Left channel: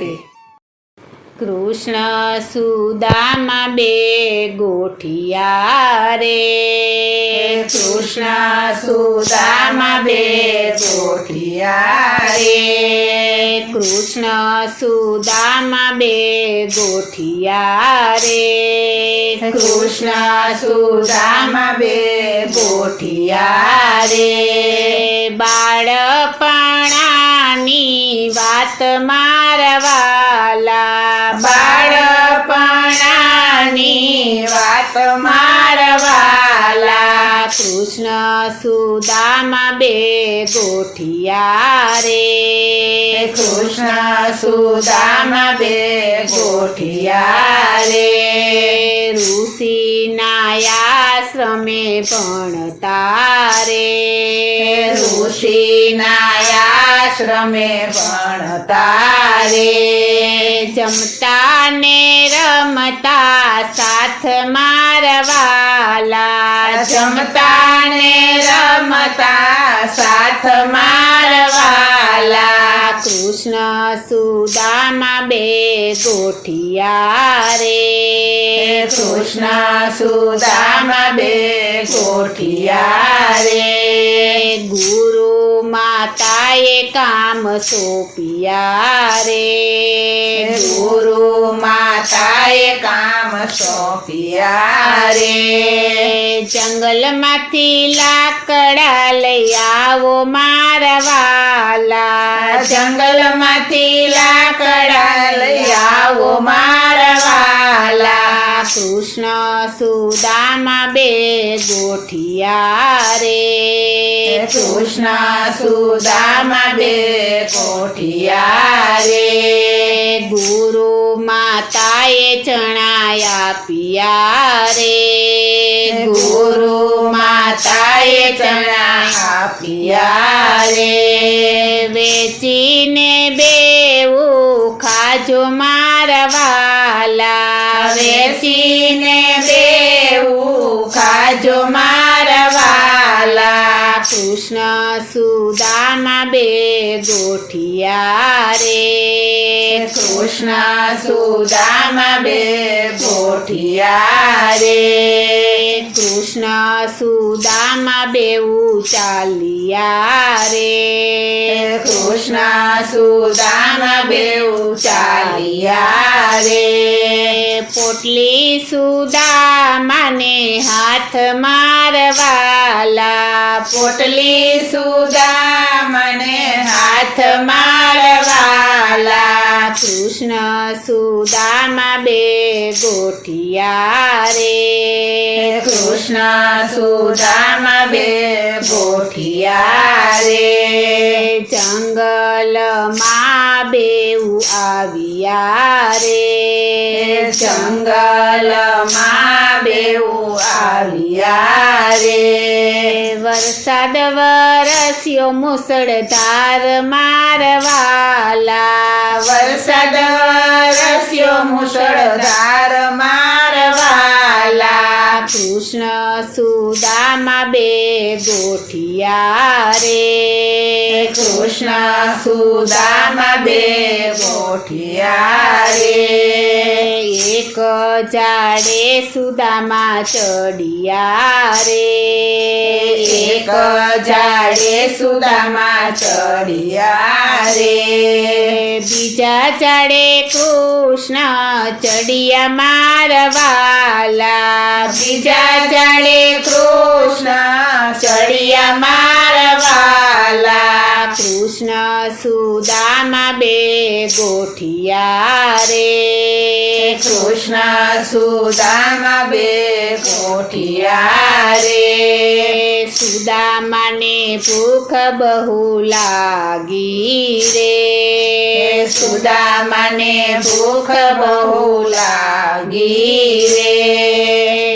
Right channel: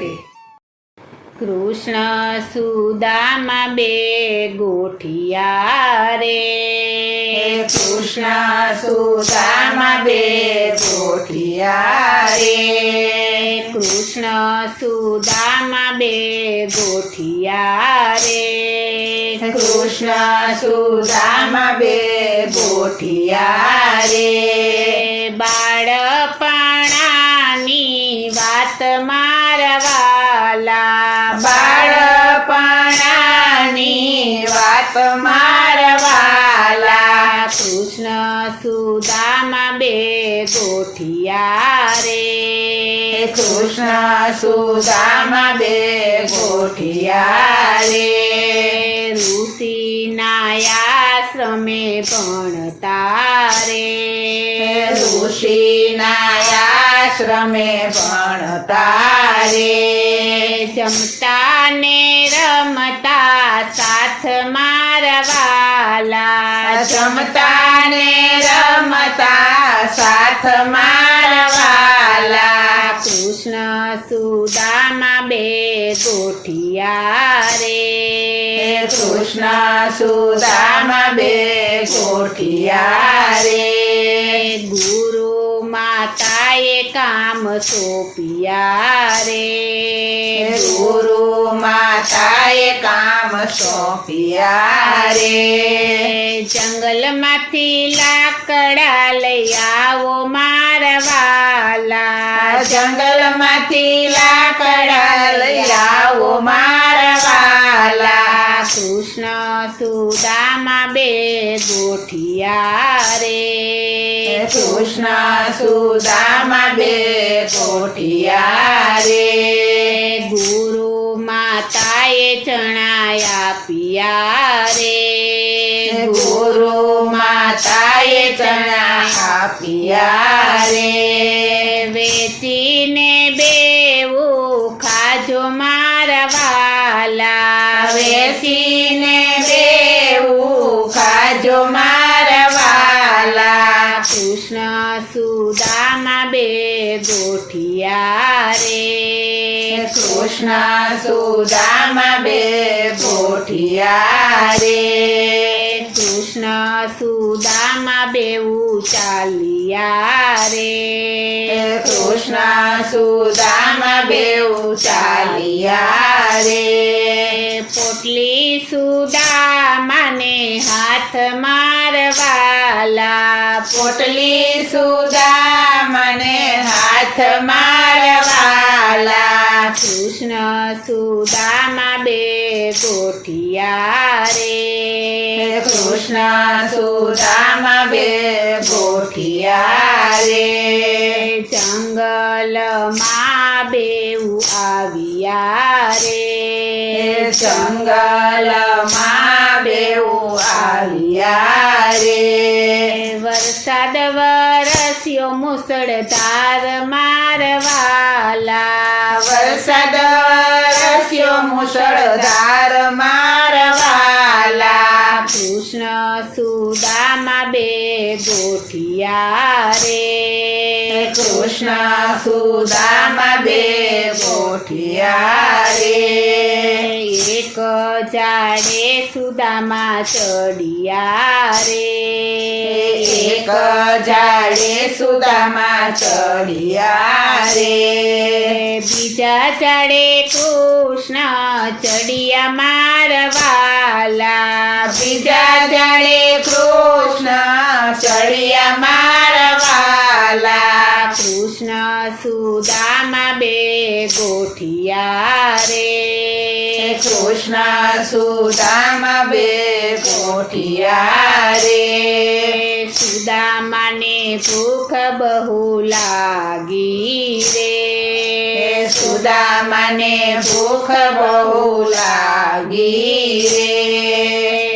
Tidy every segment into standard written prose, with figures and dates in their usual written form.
રાધે. કૃષ્ણ સુદામા બે ગોઠિયા રે. કૃષ્ણ સુદામા બે ગોઠિયા રે. કૃષ્ણ સુદામા બે ગોઠિયા રે. કૃષ્ણ સુદામા બે ગોઠિયા રે. બાળપણાની વાત મારવાલા. બાળપણાની વાત મારવાલા. કૃષ્ણ સુદામા બે ગોઠિયા રે. કૃષ્ણ સુદામા બે ગોઠિયા રે. ઋષિના આશ્રમે ભણતા રે. ઋષિના આશ્રમે ભણતા રે. જમતા ને રમતા સાથ મારવાલા. જમતા ને રમતા સાથ મારવાલા. કૃષ્ણ સુદામા બે ગોઠિયા રે. કૃષ્ણ સુદામા બે ગોઠિયા રે. ગુરુ માતાએ કામ સોંપ્યા રે. ગુરુ માતાએ કામ સોંપ્યા રે. જંગલમાંથી લાકડા લઈ આવો મારવાલા. જંગલમાંથી લાકડા લઈ આવો મારવાલા. કૃષ્ણ સુદામા બે ગોઠિયા રે. કૃષ્ણ સુદામા બે ગોઠિયા રે. ગુરુ માતાએ ચણા આપ્યા રે. ગુરુ માતાએ ચણા આપ્યા રે. વેચીને બેવું ખાજો મારવાલા. વેચીને બેવું ખાજો મારવાલા. કૃષ્ણ સુદામા બે ગોઠિયા રે. કૃષ્ણ સુદામા બે ગોઠિયા રે. કૃષ્ણ સુદામા બેવું ચાલ્યા રે. કૃષ્ણ સુદામા બેઉ ચાલ્યા રે. પોટલી સુદામાને હાથ મારવાલા. પોટલી સુદામાને હાથ મારવાલા. કૃષ્ણ સુદામા બે ગોઠિયા રે. કૃષ્ણ સુદામા બે ગોઠિયા રે. જંગલમાં બેઉ આવ્યા રે. જંગલમાં બેઉ આવ્યા રે. વરસાદ વરસ્યો મુસળધાર મારવાલા. વરસાદ વરસ્યો મુસળધાર મારવાલા. કૃષ્ણ સુદામા બે ગોઠિયા રે. કૃષ્ણ સુદામા બે ગોઠિયા રે. એક ઝાડે સુદામા ચડિયા રે. એક ઝાડે સુદામા ચડિયા રે. બીજા ઝાડે કૃષ્ણ ચડિયા મારવાલા. બીજા ઝાડે કૃષ્ણ ચડિયા મારવાલા. કૃષ્ણ સુદામા બે ગોઠિયા રે. કૃષ્ણ સુદામા બે ગોઠિયા રે. સુદામાને ભૂખ બહુ લાગી રે. સુદામાને ભૂખ બહુ લાગી રે.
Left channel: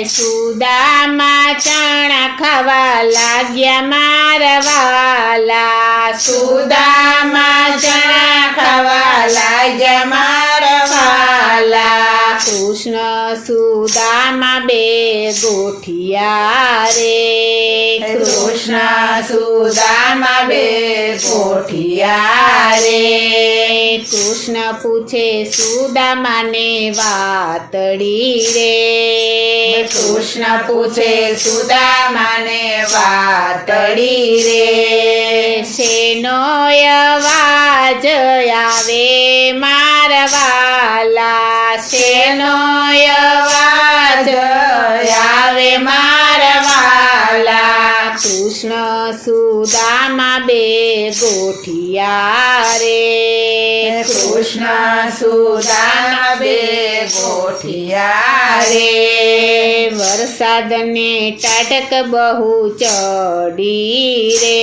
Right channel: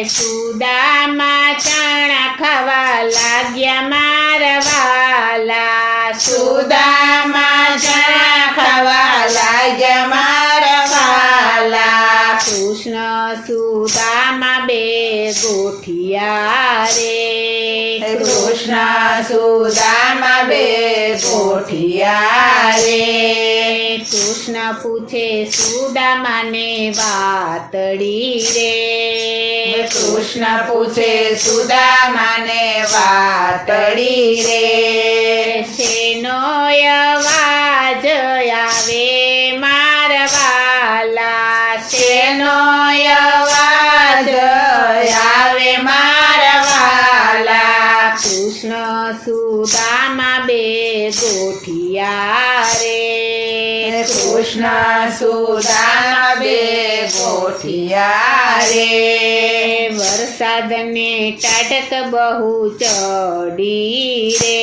સુદામા ચણા ખાવા લાગ્યા મારવાલા. સુદામા ચણા ખાવા લાગ્યા મારવાલા. કૃષ્ણ સુદામા બે ગોઠિયા રે. કૃષ્ણ સુદામા બે ગોઠિયા રે. કૃષ્ણ કૃષ્ણ પૂછે સુદામાને વાતડી રે કૃષ્ણ પૂછે સુદામાને વાતડી રે શેનો અવાજ આવે મારવાલા શેનો અવાજ આવે મારવાલા કૃષ્ણ સુદામા બે ગોઠિયા રે કૃષ્ણ સુદામા બે ગોઠિયા રે વરસાદને ટાટક બહુ ચડી રે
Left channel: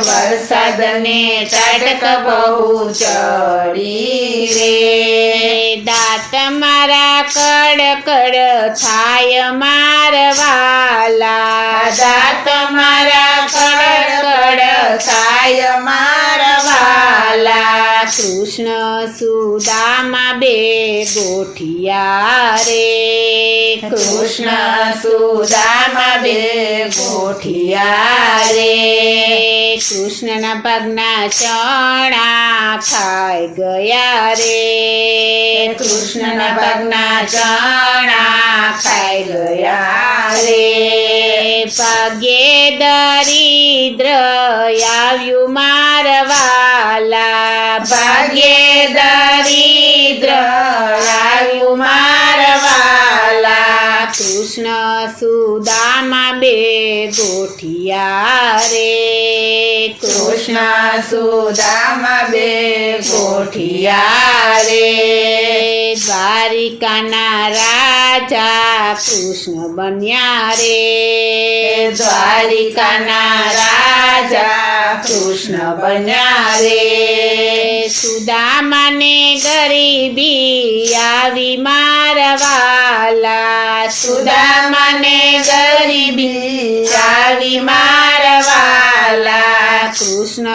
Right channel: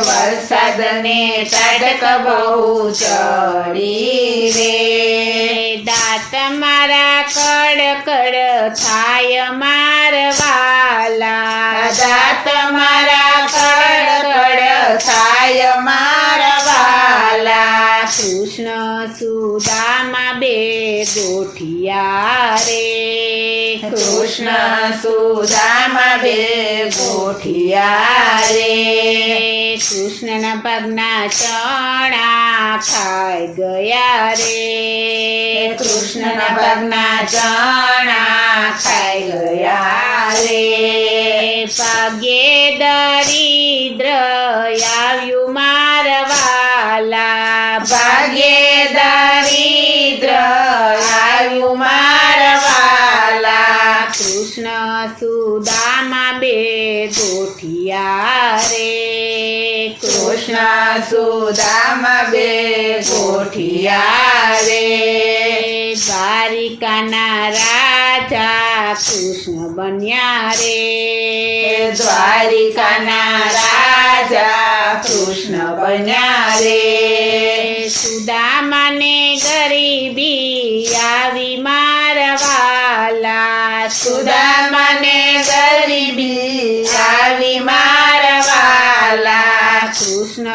વરસાદને તડક બહુ ચડી રે દાંત મારા કડકડ થાય મારવાલા દાંત મારા કડકડ થાય મારવાલા કૃષ્ણ સુદામા બે ગોઠિયા રે કૃષ્ણ સુદામા બે ગોઠિયા રે કૃષ્ણના પગના ચણા ખાઈ ગયા રે કૃષ્ણના પગના ચણા ખાઈ ગયા રે પગે દરિદ્ર આવ્યું મારવાલા ભાગ્યે દરિદ્ર આવ્યું મારવાલા કૃષ્ણ સુદામા બે ગોઠિયા રે કૃષ્ણ સુદામા બે ગોઠિયા રે દ્વારિકાના રાજા કૃષ્ણ બન્યા રે દ્વારિકાના રાજા કૃષ્ણ બન્યા રે સુદામાને ગરીબી આવી મારવાલા સુદામાને ગરીબી આવી મારવાલા કૃષ્ણ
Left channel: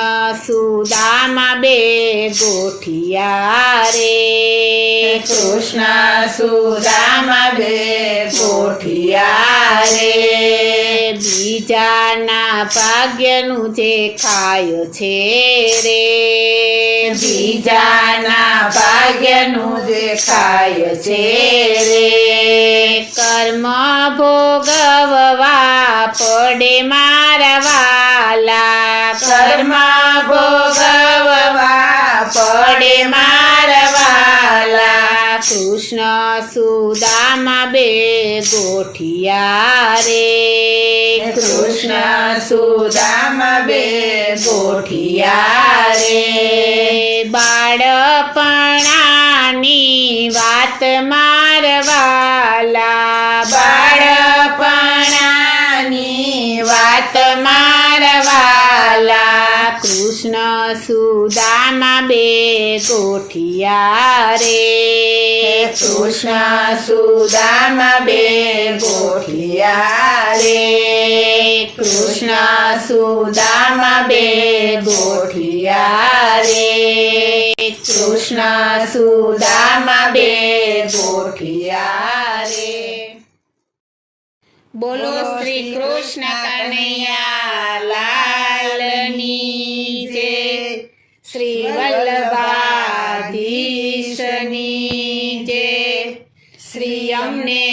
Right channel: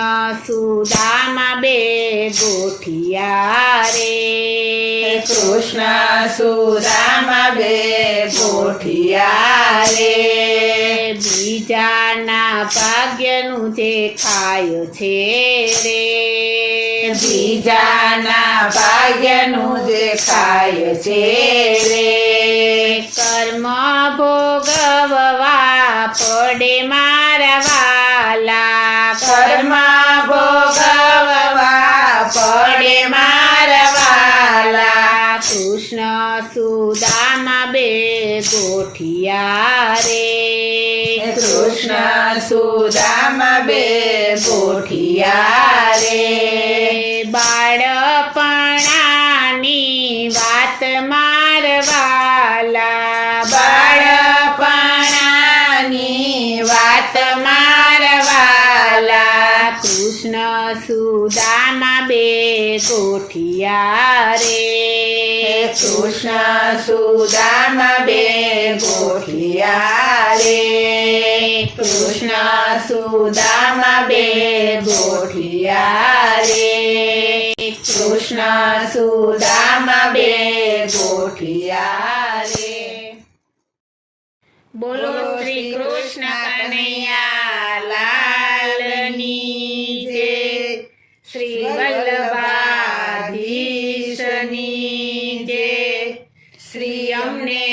સુદામા બે ગોઠિયા રે કૃષ્ણ સુદામા બે ગોઠિયા રે બીજાના ભાગ્યનું જે ખાય છે રે બીજાના ભાગ્યનું જે ખાય છે રે કર્મ ભોગવવા પડે મારવાલા કર્મ ભોગવવા પડે મારવાલા કૃષ્ણ સુદામા બે ગોઠિયા રે કૃષ્ણ સુદામા બે ગોઠિયા રે બાળપણાની વાત મારવાલા બાળપણાની વાત મારવાલા કૃષ્ણ સુદામા બે ગોઠિયા રે કૃષ્ણ સુદામા બે ગોઠિયા રે કૃષ્ણ સુદામા બે ગોઠિયા રે કૃષ્ણ સુદામા બે ગોઠિયા રે બોલો શ્રી કૃષ્ણ કનૈયા લાલની જય શ્રી વલ્લભાધીશની જય શ્રી અમને